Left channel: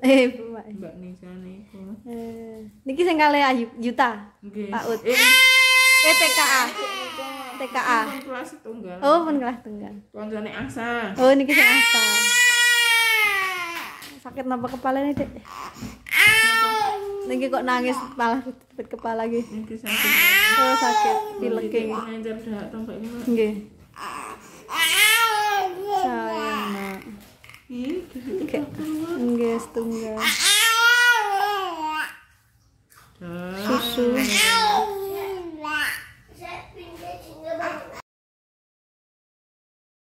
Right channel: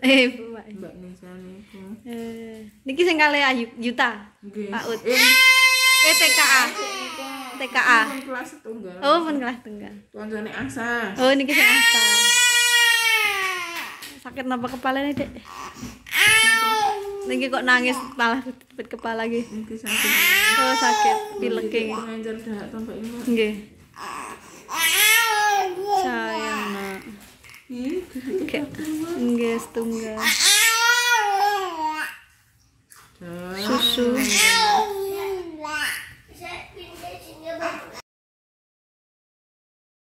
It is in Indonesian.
Mbak. Mbak Nisa niku. Niki sing kalih Ayu Yuta. Nggih. Pak Ut. TKA. TKA. Pun kelas setunggal. Oh, pun kelas tunggal. Kancane Asa. Oh, niki sing Asta. Sakit napa kepalanya, Dek? Niki kok nangis malah ribet kepala iki. Niki sakit. Oh, sakit pileke. Nganjar dak tambah ini, Mbak. Nggih. Sayang, Nak. Ih, Nggih, setunggal.